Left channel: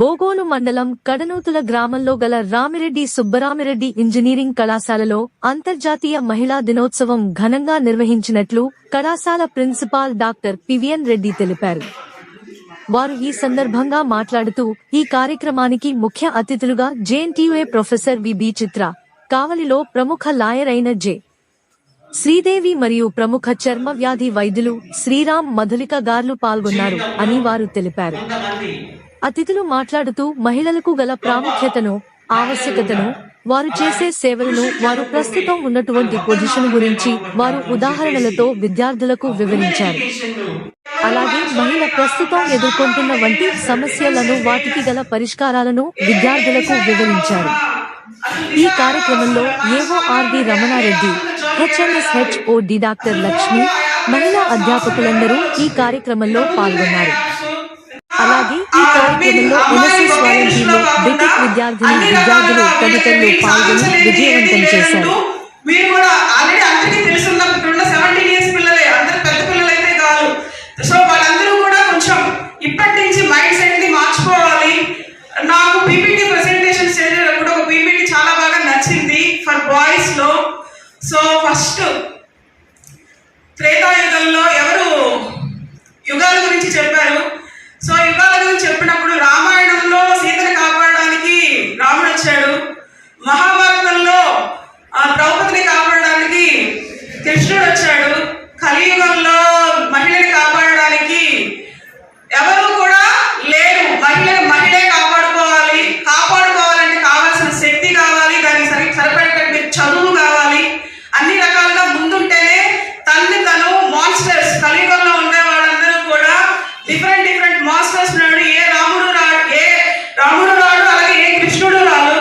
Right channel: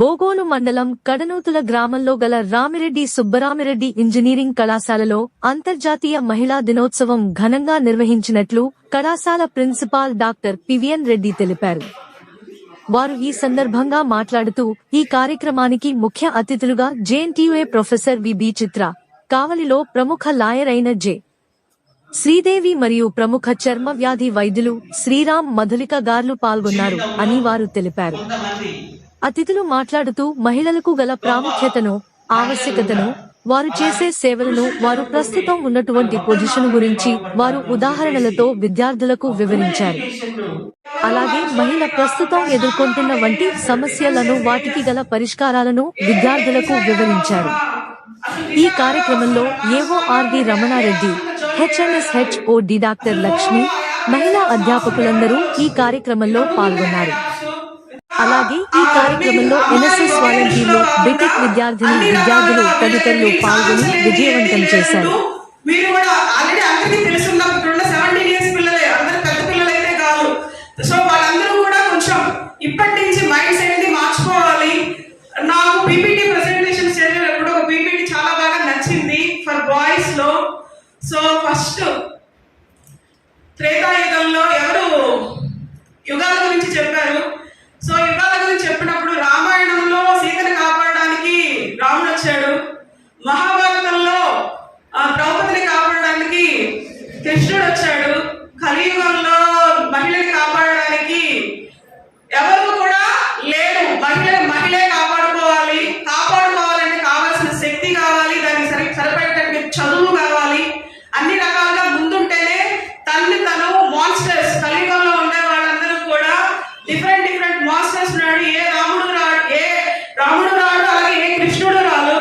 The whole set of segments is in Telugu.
బోగోలు మండలం కడనూతుల గ్రామంలో గల రామిరెడ్డి సుబ్బరామిరెడ్డి ఇంజనీరింగ్ కళాశాలలో అంతర్జాతీయ మహిళా దినోత్సవం ఘనంగా నిర్వహించినట్లు కళాశాల ప్రిన్సిపాల్ డాక్టర్ పివిఎన్ రెడ్డి తెలిపారు. వారు ఈ సందర్భంగా మాట్లాడుతూ ఈ కార్యక్రమానికి ముఖ్య అతిథులుగా జేఎన్టీయూఏ ప్రొఫెసర్ విబి చిత్ర, కావలిలో ప్రముఖ లాయర్ అయిన జె. శ్రీదేవి మరియు ప్రముఖ చర్మ వ్యాధి వైద్యులు శ్రీరామ్ మధులిక గార్లు పాల్గొన్నారు అని వారు తెలిపారు. అతిథులు మాట్లాడుతూ మహిళలకు గల ప్రాముఖ్యతను, ఆవశ్యకతను, వారు చేసే సేవలను, వారు ప్రస్తుతం ఉన్నటువంటి పొజిషన్ గురించి వారు ఉదాహరణలతో విద్యార్థులకు వివరించారు. అలాగే మహిళ ప్రస్తుతం ఎదుర్కొంటున్న వంటి సమస్యలను, వాటికి గల పరిష్కారాలను విద్యార్థులకు వివరించారు. ఈ కార్యక్రమంలో ఏవో ఆర్డి రమణారెడ్డి, హెచ్ఎంఎస్హెచ్ఓడి డాక్టర్ లక్ష్మి, మహిళా అధ్యాపకులందరూ ఈ కార్యక్రమంలో పాల్గొన్నారు. అలాగే ఈ కార్యక్రమంలో ఎన్ఎస్ఎస్ వాలంటీర్లు, బీటెక్ విద్యార్థులు తదితరులు పాల్గొని విజయవంతం చేశారు. ఫస్ట్ త్రేతాయుగంలో ఎవరు యుగాల గురించి చెప్పారు. సో యుగాల గురించి చెప్పినప్పుడు రామాయణంలో సీతను కాపాడడానికి రాముడు వచ్చాడు. మహాభారతంలో ద్రౌపదిని కాపాడడానికి కృష్ణుడు వచ్చాడు. కలియుగంలో మహిళని కాపాడడానికి ఎవరు కూడా లేరు. మహిళే కాపాడుకోవాలంటే కావాల్సిన శక్తి కావాలి, దానికి సరిపడేటటువంటి చదువు కావాలి. అన్ని రకాలుగా ముందుంటేనే తను మాన్స్టర్స్, కలియుగంలో ఉండే వాళ్ళందరూ కూడా డిఫరెంట్ మాస్టర్స్ ఉన్నాడు. ఏ రాముడు రాడు, అలాగే ఏ కృష్ణుడు రాడు.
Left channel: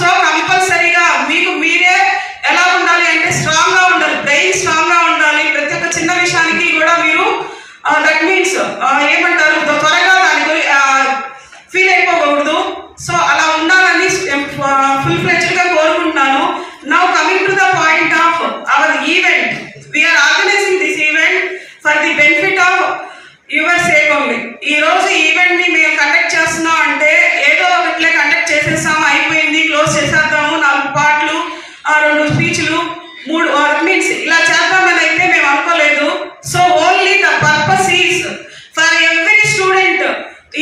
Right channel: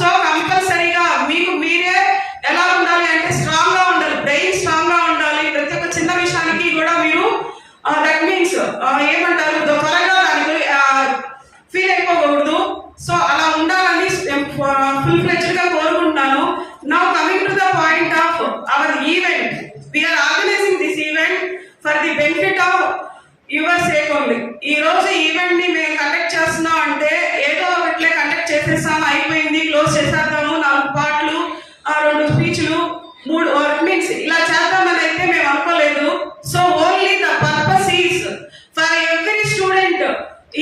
సో కంపల్సరీగా మీరే ఎలా ఉండాలి అంటే స్ట్రాంగ్ గా ఉండాలి, బ్రెయిన్ స్ట్రాంగ్ గా ఉండాలి. ప్రతి ఒక్క చిన్న విషయానికి కూడా మీరు దట్ మీన్స్ ఏమంటారు, త్వరగా దానికి ఫీల్ అయిపోకూడదు. సో అలా ఉండాలని ఫుల్ ఫ్లెడ్జ్డ్ గా కోరుకుంటున్నాను. Now coming to the point of our event, we are organizing this event for the benefit of your sake only. ఈ రోజు ఈవెంట్ ని మేము కండక్ట్ చేస్తున్నాం అంటే ఏదో ఒకట్లే కండక్ట్ చేసేస్తాం, అయిపోయింది, క్లోజ్ చేసేద్దాము, 4 పాటలు, 2 స్పీచ్లు, 3 మీన్స్ ఇలా చేద్దామని అయితే మేము అనుకోలేదు. So only the purpose is for every student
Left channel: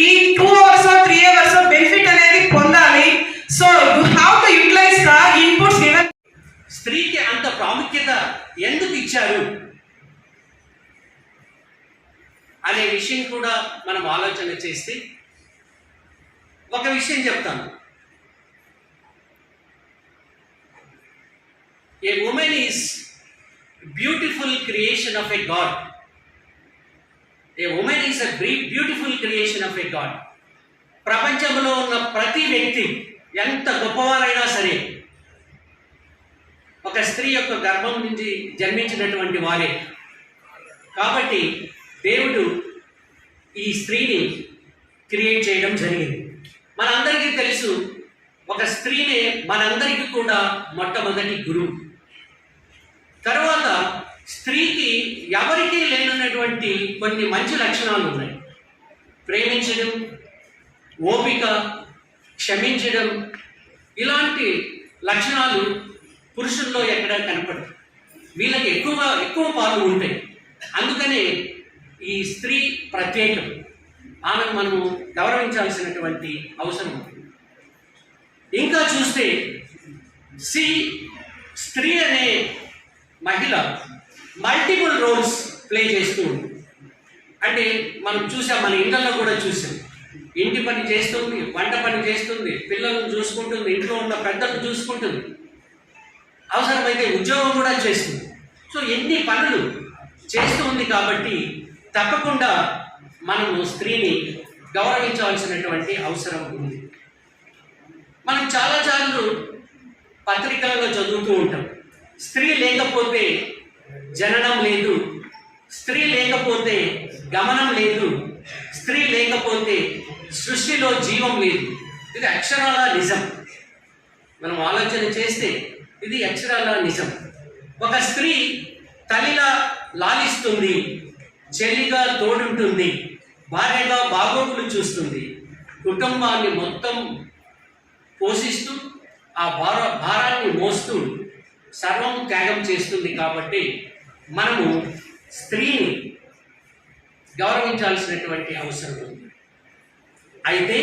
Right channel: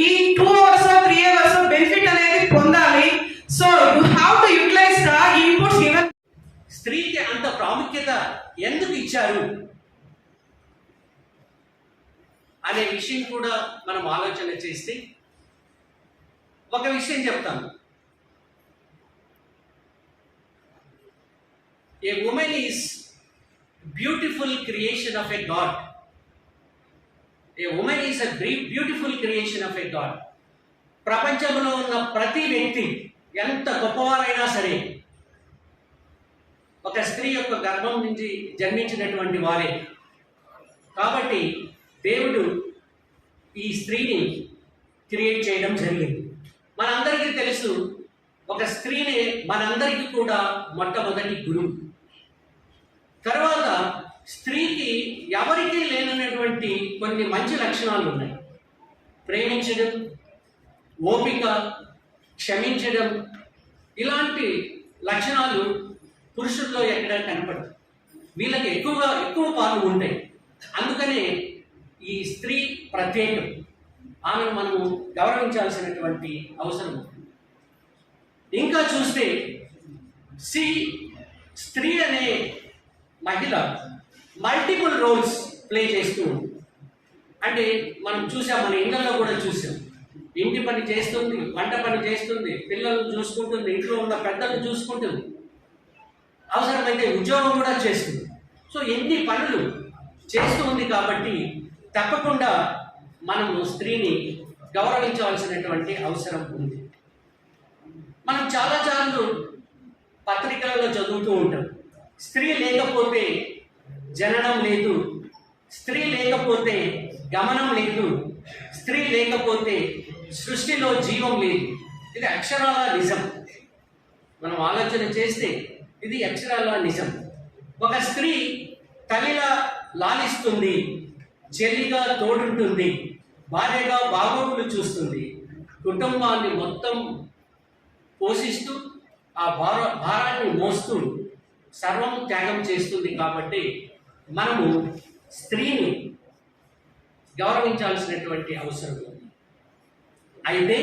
ఈ 2 hours 3 hours బెనిఫిట్ అనేది పొందాలి. So you have to utilize the inputs given. స్త్రీకి అంత ప్రాముఖ్యత ఎందుకు ఇచ్చారు అనే విషయం కూడా మనం ఆలోచన చేస్తే ఒక విషయం చెప్తాను. A woman is beautiful creation of a god. A woman is a beautiful creation of a god. ప్రపంచంలో ఉన్న ప్రతి వ్యక్తి ఎంత గొప్పవారైనా సరే ఒక స్త్రీ యొక్క గర్భం నుంచి జన్మించినటువంటి వారే. కాబట్టి దేవుడు ఈ స్త్రీని క్రియేట్ చేయడం జరిగింది. మనందరికీ తెలుసు, ఒక స్త్రీనే మనందరికీ కూడా మొట్టమొదటి గురువు. తర్వాత స్త్రీకి ఎవరికీ లేనటువంటి కొన్ని మంచి లక్షణాలు ఉన్నాయి. ప్రేమించడం, ఓపిక, క్షమించడం, ఇలాంటి లక్షణాలు పురుషుల్లో ఎక్కడ కనపడదు. వీళ్ళకి ఎక్కువ పాలు ఉంటాయి. అందుకనే ఈ స్త్రీ ప్రత్యేకం. ఆమెను మనము గౌరవించాల్సినటువంటి అవసరం ఉంది. ఇంకా చూస్తే స్త్రీ అనే మహిళ మల్టిపుల్ రోల్స్ ప్లే చేస్తూ ఉంది. అంటే మనం చూసాం, మన ఇళ్లలో కూడా చూసాం. ఇంటి పని చేస్తుంది, వంట పని చేస్తుంది, పిల్లలను చూసుకుంటుంది, ఇంట్లో ఉన్న పెద్దలను చూసుకుంటుంది, అవసరమైతే ఉద్యోగం కూడా చేస్తుంది. సో ఎన్ని పనులు చేస్తూ ఉంది. కాబట్టి తప్పకుండా మనము స్త్రీని గౌరవించవలసినటువంటి అవసరం ఉంది. మనం చాలాసార్లు పత్రికలలో చదువుతూ ఉంటాం, స్త్రీ లేకపోతే జననం లేదు, స్త్రీ లేకపోతే గమనం లేదు, స్త్రీ లేకపోతే సృష్టిలో జీవం లేదు. ఇది అక్షరాల నిజం. మనం ఆలోచన చేస్తే ఇది అక్షరాల నిజం. ఒక స్త్రీ తల్లిలా లాలిస్తుంది, చెల్లిగా తోడుంటుంది, భార్యగా బాగోగులు చూస్తుంది, కుటుంబాన్ని మొత్తం పోషిస్తూ ఆ భారాన్ని మోస్తూ సర్వం త్యాగం చేస్తుంది. కాబట్టి మనము స్త్రీని గౌరవించాల్సినటువంటి అవసరం ఉంది. అయితే